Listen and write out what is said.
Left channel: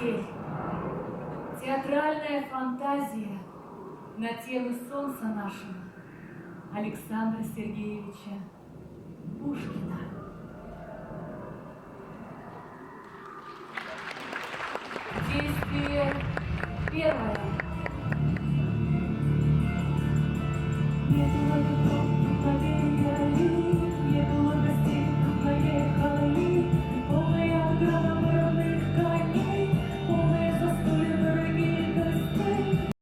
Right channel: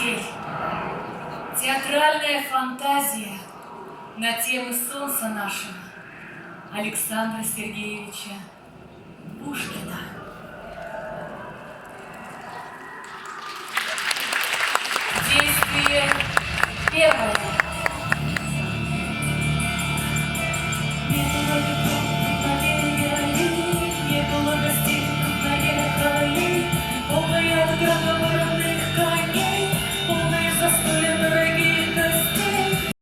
метель. Театральная фантазия на темы солнца нашего Александра Сергеевича Пушкина. Действие первое.